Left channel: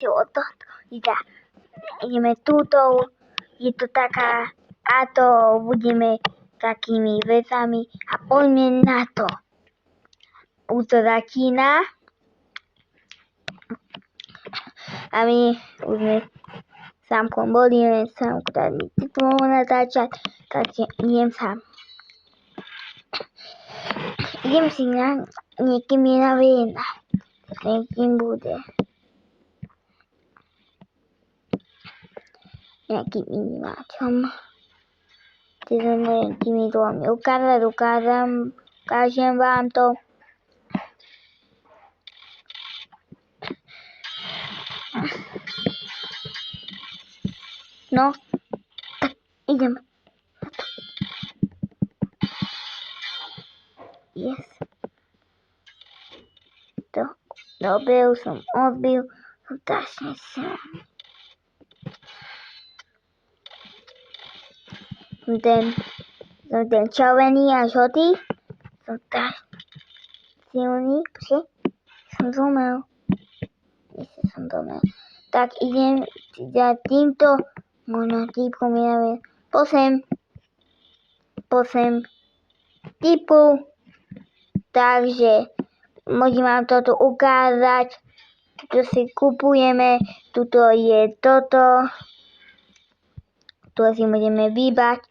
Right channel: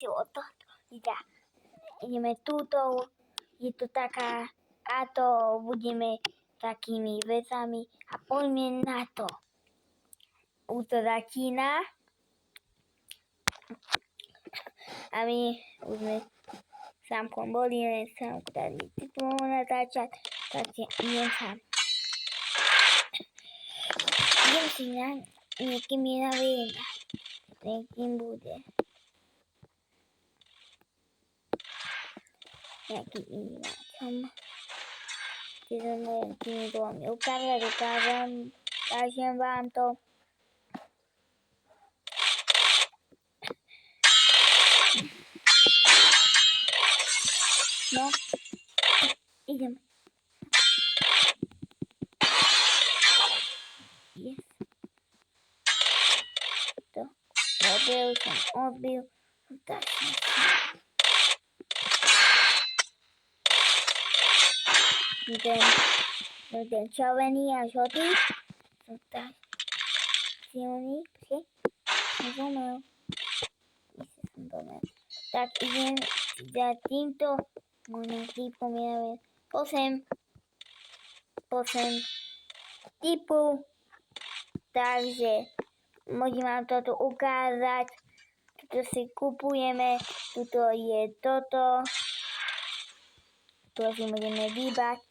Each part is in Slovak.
toto. Ideme túto, je to taká, a to budeme takými vecami a poďme na to. Už to začína a my už sme sámkom boli, sámku tady typovo natáčať, takže idem sám. Idem si na niekým je na viena, niekým bude. Nejakým ináčom. Teda nejakými dvomi ukážem vám to. No, ideme. Yes. To, dobre, už som odbil. Strašne som. Ten červený a žltý sú tak silný, som zomel. Tak idem za týmto, možno týpkom ja neviem, posem typu, takže môžem vám toto ukázať, toto si kupujeme, tuto je toto, tu si môžeme vybať.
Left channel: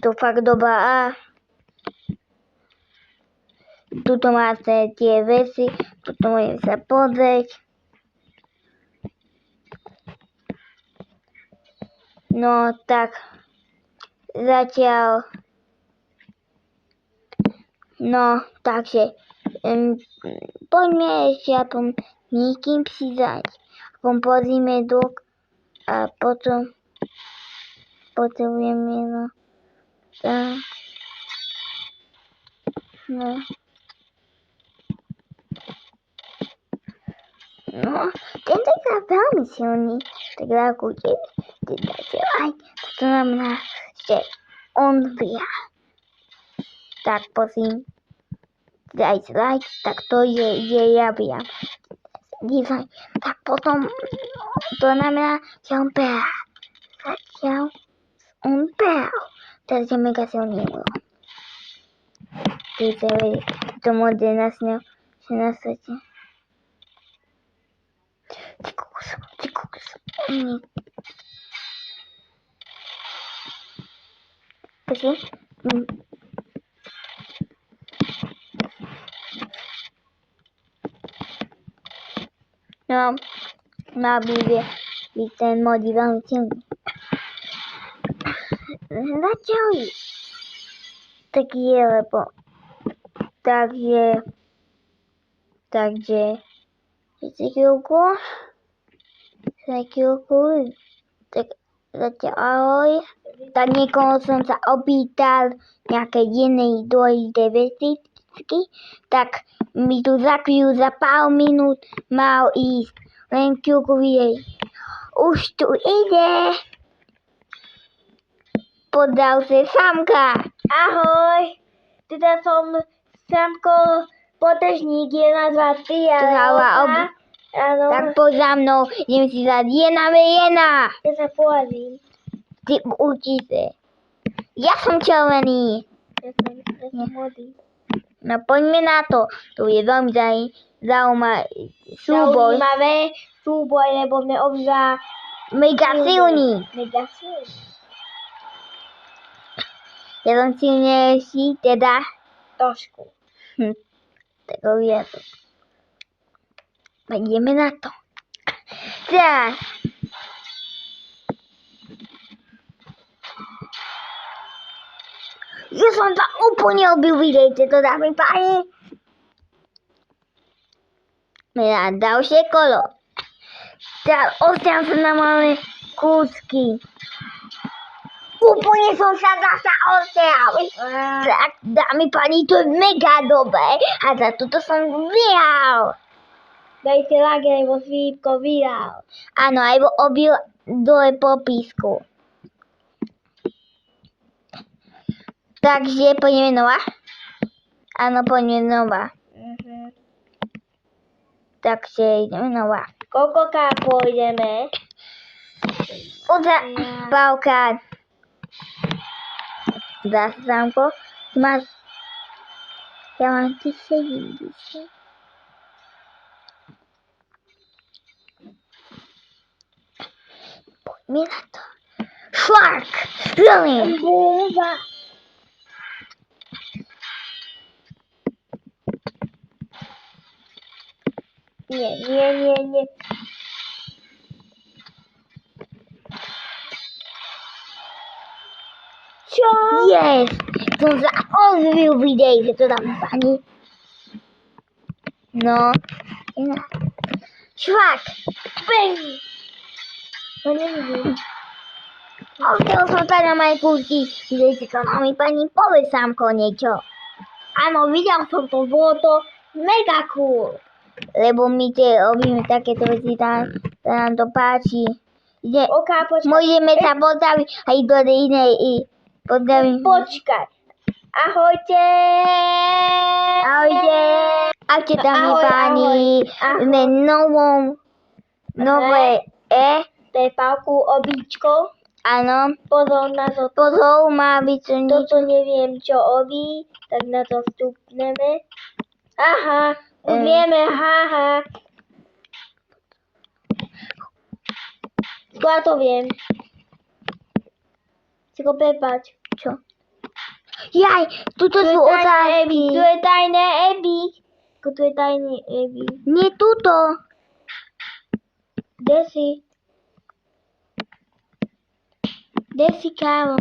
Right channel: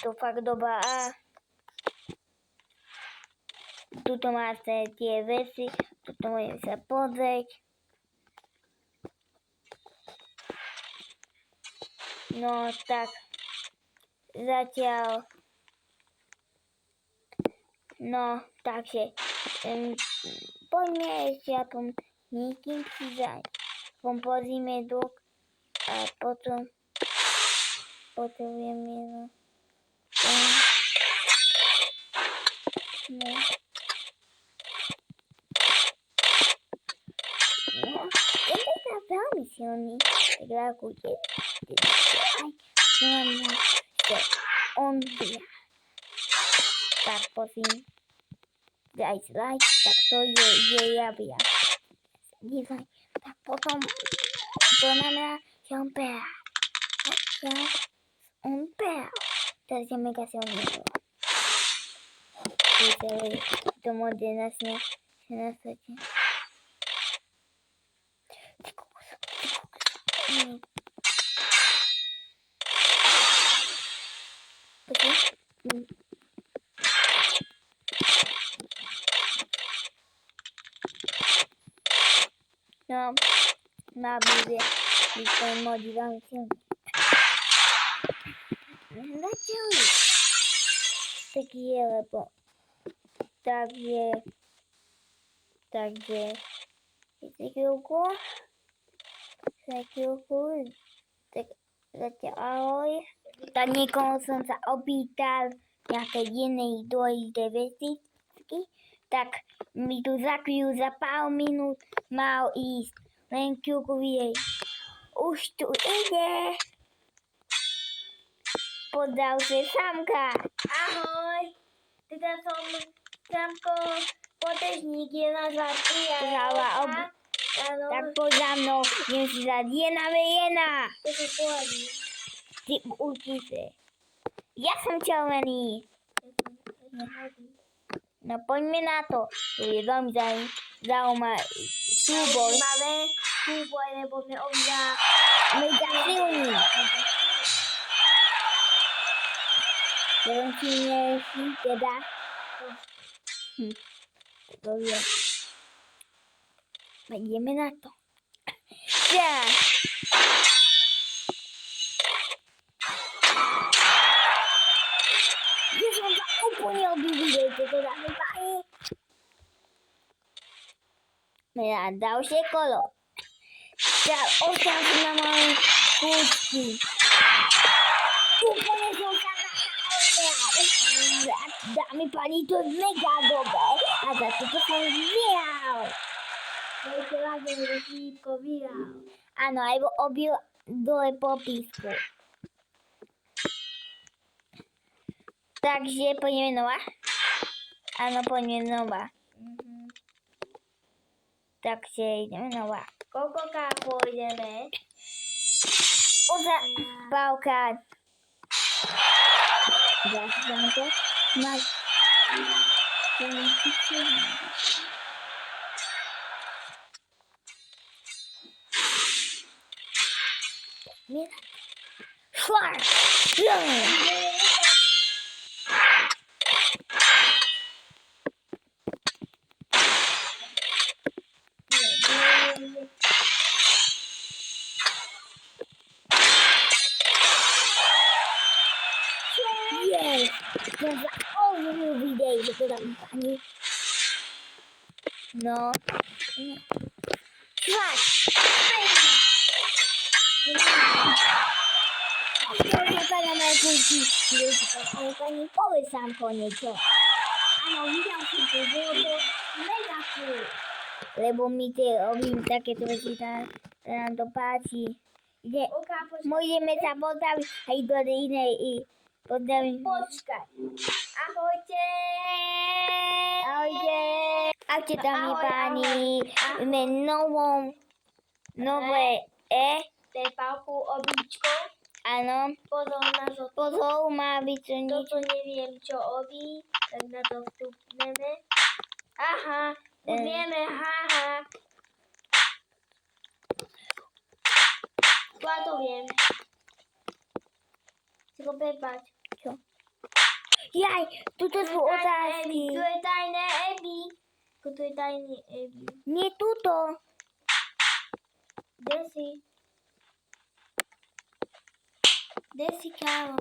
To fakt dobrá a tuto máte tie veci, tuto môžeme sa pozrieť. No tak zatiaľ no takže poďme ešte aspoň niekým si dať, aspoň pozrime dok a potom potrebujeme no. No, tento je veľmi silný, tak rakujte, aj to znamená, že on zbieha. Tak prosím, dajte like, tak to je javia. Tak potom to znamená, že on behá. Zatiaľ on behá. Teraz je mega silný. To môže na svete. Ty kokos. Takže no, bude byť ten mod veľmi silný. Začali. Tak je, lebo takže chvíľku, tak zatiaľ ahoj. Tak niekoho som sa opýtal nejaké jednej dôležité veci, tak mi tu za chvíľu, za pár minút mal ísť. Len chvíľku videj. Už tu ide. Podal sa Samka. Ahoj. Teda som Samko Potržník 1, 2, 3 a áno. Tak poď za mnou. Idem si dať 1v1. Ja sa poradím. Ty určite. Ja som červený. Ja som modrý. No poďme na to. Tu je veľmi zaujímavý súboj. Lebo sme obidva mega silní. Ja som silnejší, teda trošku. Tak uvidíte. Ideme na to. Tak. Ja som sa úplne obil, videjte to, dámy páni. Na ďalšie kolo. Tak osťam sa na malé kúsky. Úplne som sa zasa odtiaľ. Tak, dámy páni, to je mega dobré. A za toto som vyhral. Dajte like, lebo Filipko vyhral. Áno, aj obil dole popísku. Takže poďme znova. Áno, poďme znova. Takže ideme znova. Koľkokrát pôjdeme? Pavka. Zase Sámko. Máš... Ja mám síce vidíš. Poďme na to. Švark! Nie. Čo? Yes! Som sa ozvil videj, že to tam pani. No. Švark! Pej! To nevidím. Odkiaľ som sa na mojej púšti. Videl si to, mami, pani, povedz Sámko niečo. Áno, videl som to, bolo to mega cool. Lebo my tie robíme takéto veci, sa nám to páči. Môžeme sa pozdraviť aj do inej i pozdravím. Počkaj. Ahojte. Ahojte. Ahojte tam páni. Sme nové To je Pavku obíčko. Áno. Pozor na to. Pozor, má byť čo nič. Toto neviem, čo obí, tak na to vstupneme. Aha, už vieme, haha. Ja to viem. Si ko prepáč. Čo? Jaj, tuto sú otázky. Tu je tajné Ebi. Tu je tajný Ebi. Nie tuto. Kde si? Kde si, kámo?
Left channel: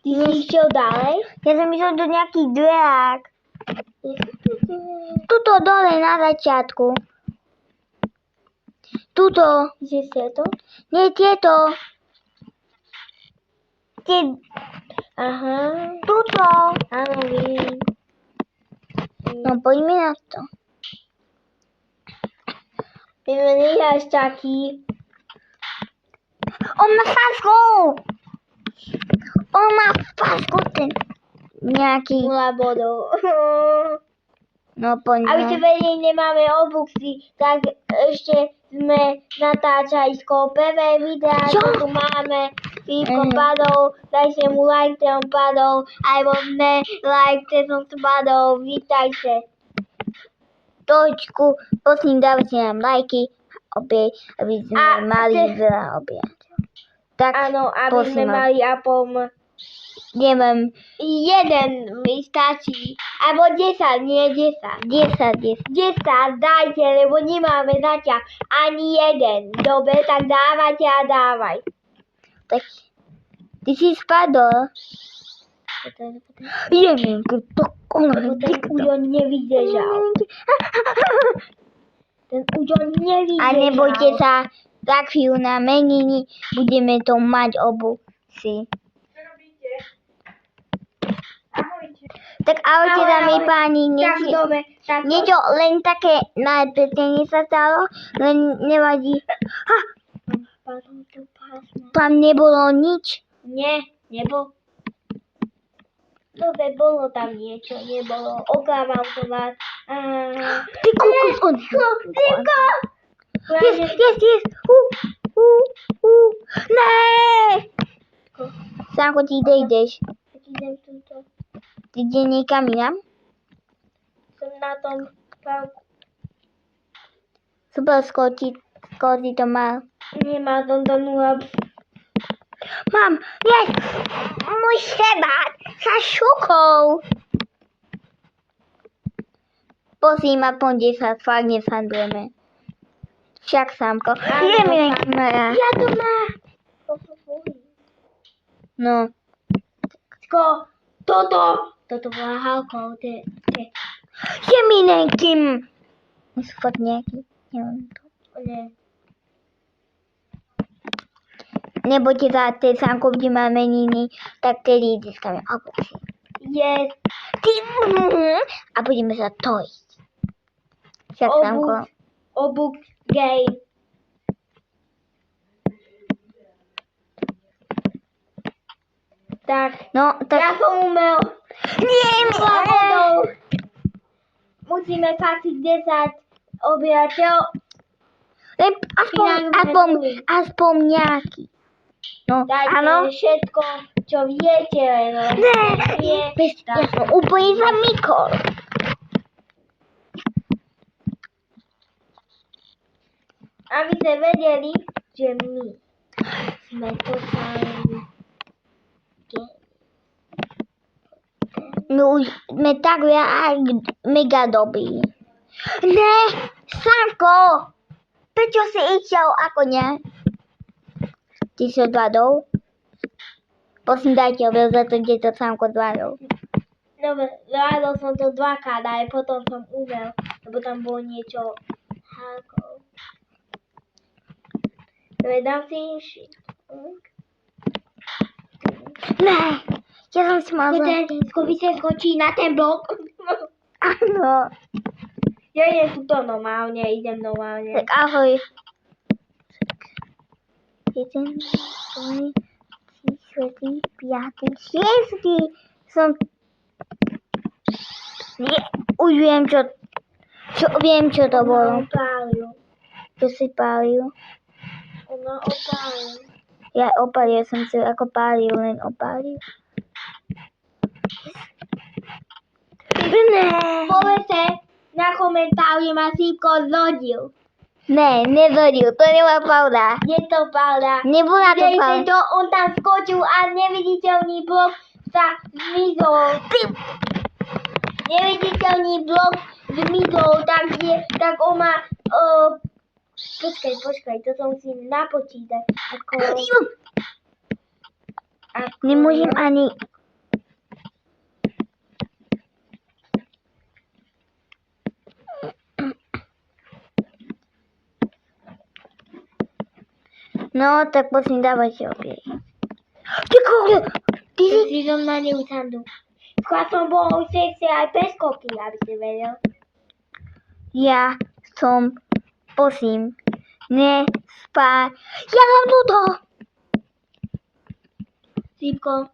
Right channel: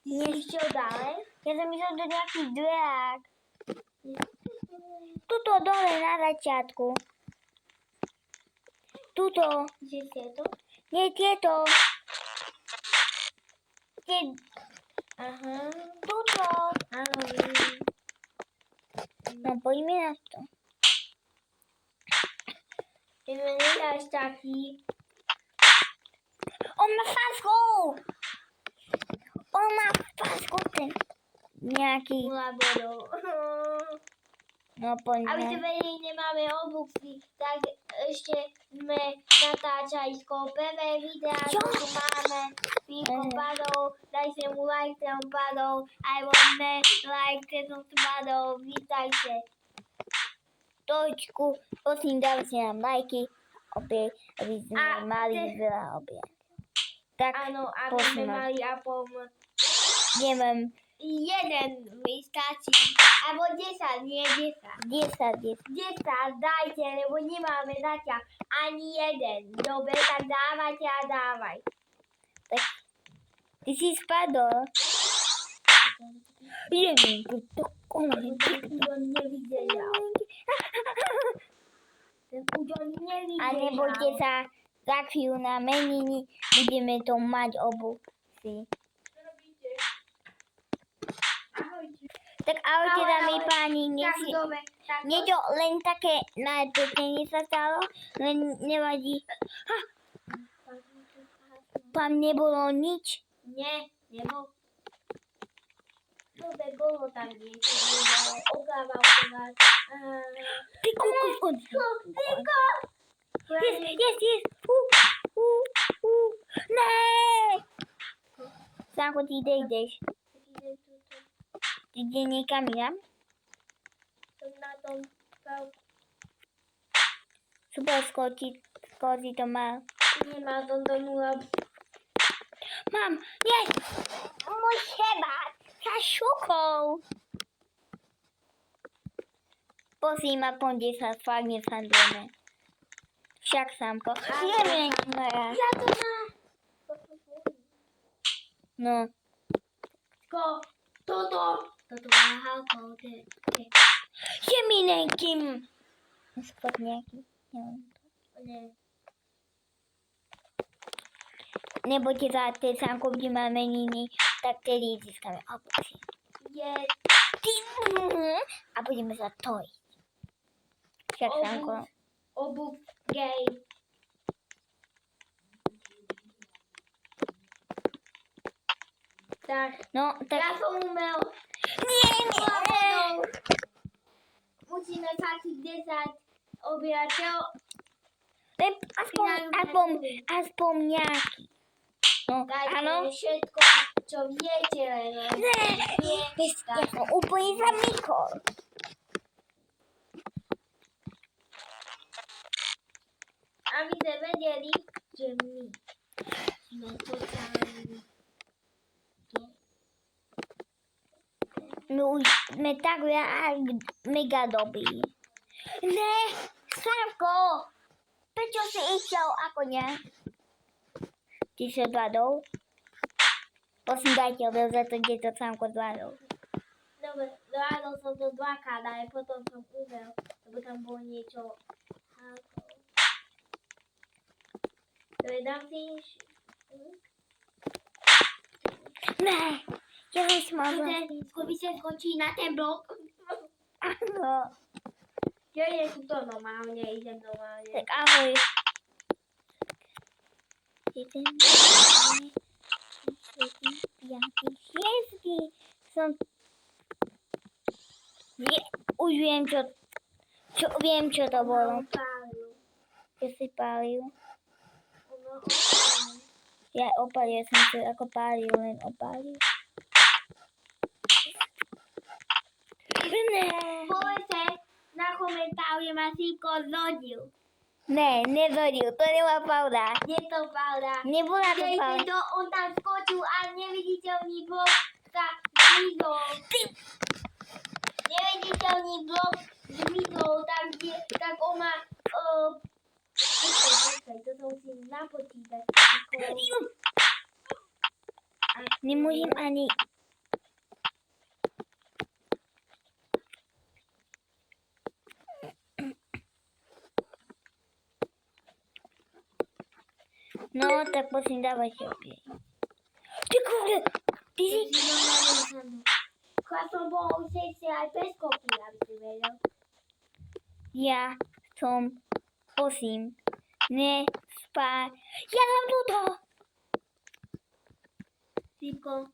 Ty si išiel ďalej? Ja som išiel do nejakých dverák. Tuto dole na začiatku. Tuto. Že si to? Nie tieto. Aha. Tuto. Áno, vidím. No poďme na to. Ty ma necháš taký. On má fasku. On má fasku ten nejaký. 0 bodov. No Aby ste poďme. vedeli, nemáme obuksy, tak ešte sme natáčali skôr prvé videá, Čo? čo tu máme. Filipko padol, dajte mu like, ten padol, alebo ne, like, ten som spadol, vítajte. Točku, prosím, dávajte nám lajky, opäť, aby sme A mali ty- veľa obyvateľov. Tak, Áno, aby prosím sme vás. mali apom neviem, jeden mi stačí. Alebo 10, nie 10. 10. 10 dajte, lebo nemáme zatiaľ ani jeden. Dobre, tak dávajte a dávaj. Tak, ty si spadol. Ideme, to Lebo ten Ujo nevydržal. Ten Ujo nevydržal. A nebojte sa, za chvíľu na meniny budeme to mať obu si. Tak ahojte, Ahoj, dámy ahoj. páni, Tak dobre, tak niečo len také na pekne sa stalo, len nevadí. Tam nebolo nič. Nie, nebolo. Dobre, bolo tam niečo, nebolo. Oklamal som vás. Ty kokos, on. Rybko! Yes. Ne! Sámko, ty kde ideš? Idem túto. Ty ide niekam inam? Som na tom pavku. Super, skôr si to mal. Nemá som to 0. Mám, yes! Môj chebát sa šukou. Prosím, aspoň 10, fakt nesandujeme. Však, Sámko. Ideme na kamera. Ja to má. No. Toto bola Halko. Je mi nekým. Sú fakt nejaký. Neviem to. Nie. Nebojte sa, tej Sámko, kde má meniny, tak tedy získame obočie. Yes. A budeme sa tojiť. Však, Sámko. Obuk game. Tak. No, tak... Ja som umel. Nie, Bodov. Musíme fakt 10 obyvateľ. Aspoň nejaký. No, Dajte áno. všetko, čo viete. Ja som úplne za Mikol. Aby ste vedeli, že my sme totálni gay. My už sme tak mega dobrí. Ne, Sanko! Prečo si išiel ako ne? Ty si odvadol? Prosím, dajte objav za to, kde to Sanko odvadol. Dobre, zvládol som to dvakrát, aj potom som umel, lebo tam bolo niečo hákov. Dobre, dám si inší. Ne, ja som si mal... Skôr sa skočí na ten blok. Áno. Ja idem tuto normálne, Tak ahoj. 1, 2, 3, 4, 5, 6. Som... Už viem, čo to bolo. Opálil. Čo si pálil? Ona opálil. Ja opálil som si, ako pálil, len opálil. Ne. Povedzte na komentári, ma Sýpko zhodil. Ne, nezhodil, to nebola pravda. Je to pravda. Nebola to Videli pravda. ste to, on tam skočil a neviditeľný blok sa zmizol. Neviditeľný blok zmizol, tak on má... Počkaj, to som si napočítať. Nemôžem ani... No, tak prosím, dávajte opäť. Ty kúľu! Ty si... Si normálne usandu. Skôr som bol u sekcie aj bez koky, aby si vedel. Ja som... Prosím. Nespáj. Ja som tuto! Sýpko,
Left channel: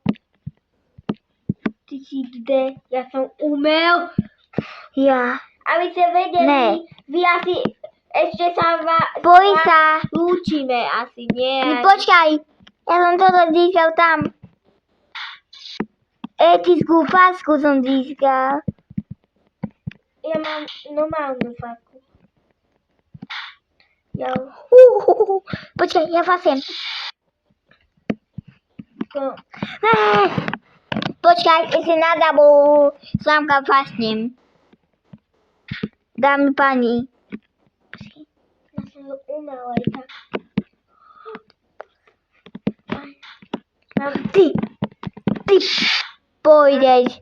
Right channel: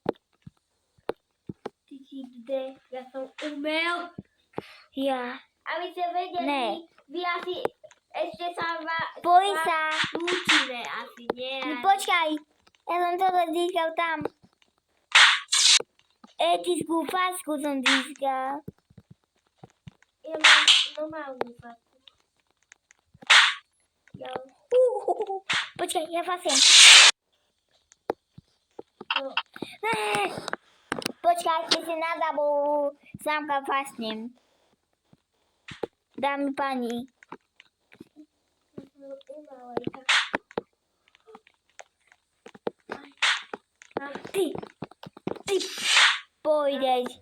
ty si kde? Ja som umel. Ja. Aby ste vedeli, Ne. vy asi ešte sa Boj sa. lúčime asi, nie? Počkaj. Ja som toto získal tam. Etickú fasku som získal. Ja mám normálnu fasku. Ja Počkaj, ja fasiem. to... Počkaj, ešte na dabu slámka fasnem. Dámy pani. Ja som to umel aj tak. Ty pôjdeš.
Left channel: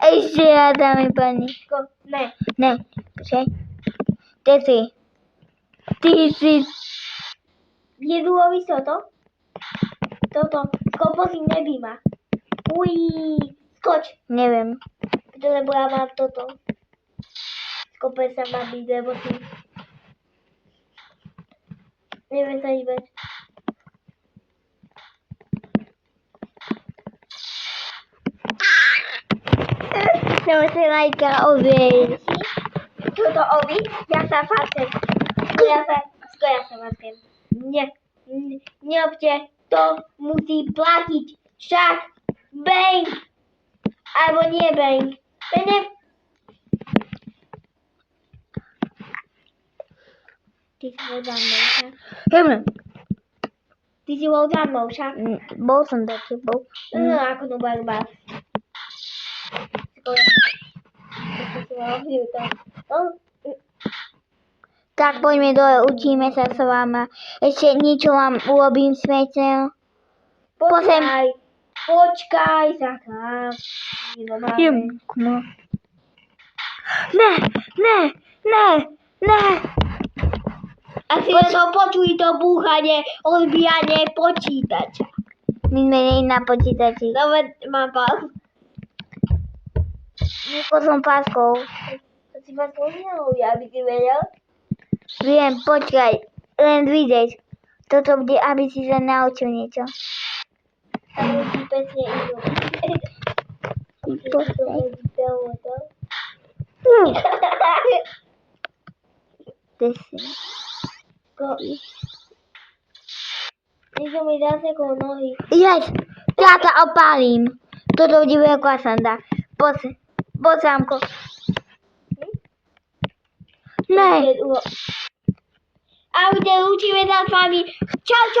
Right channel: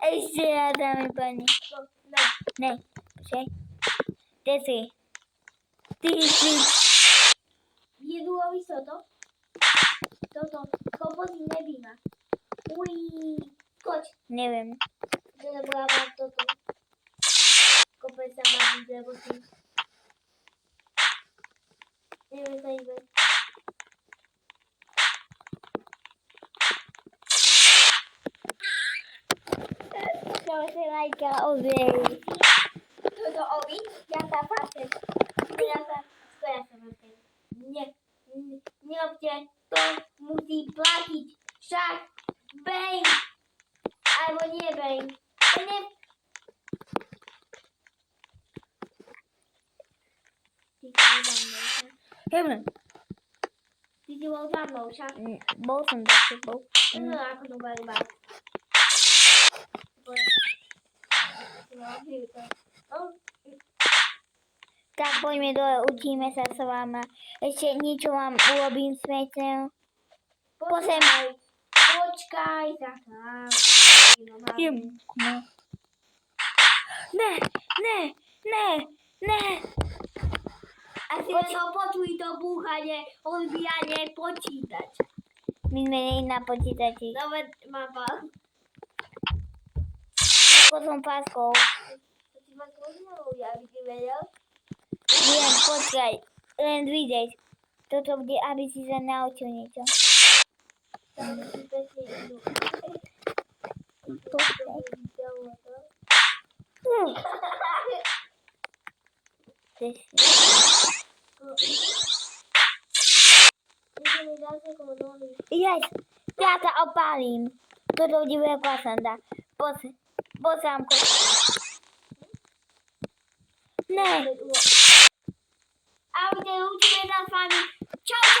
Ešte raz, dámy pani. Ne. Ne, počkaj. Ty si. Jedúlovi sa to? Toto. Skopo si nebí ma. Ují. Skoč. Neviem. Lebo ja mám toto. Skope sa ma byť, lebo ty... Neviem sa hýbať. Som si lajka obej. Toto obi, ja sa fasem. Ja sa fasem. Neobte, to musí platiť. Však bank. Alebo nie bank. To ne... Ty si bol za mnou, však? Ty si bol za mnou, však? Bol som za tebou. No, ako to bude bát. Tak poďme dole, učíme sa s vama. Ešte niečo vám urobím smetného. Počkaj sa tam. No. Ne. Asi len to počuj to búchanie, odbíjanie počítača. My sme nie na počítači. Dobre, mám pás. Ako som páskou. To si ma spomínal, aby si vedel. Viem, počkaj. Len vidieť. Toto bude, aby si sa naučil niečo. Ale si pekne idú. Niečo mi dá sa okolo nohy. Jeď, ja ťa opálím. Toto divého sanda. Poď, sámko. Ne. A my te učíme sa s vami. Čau, čau.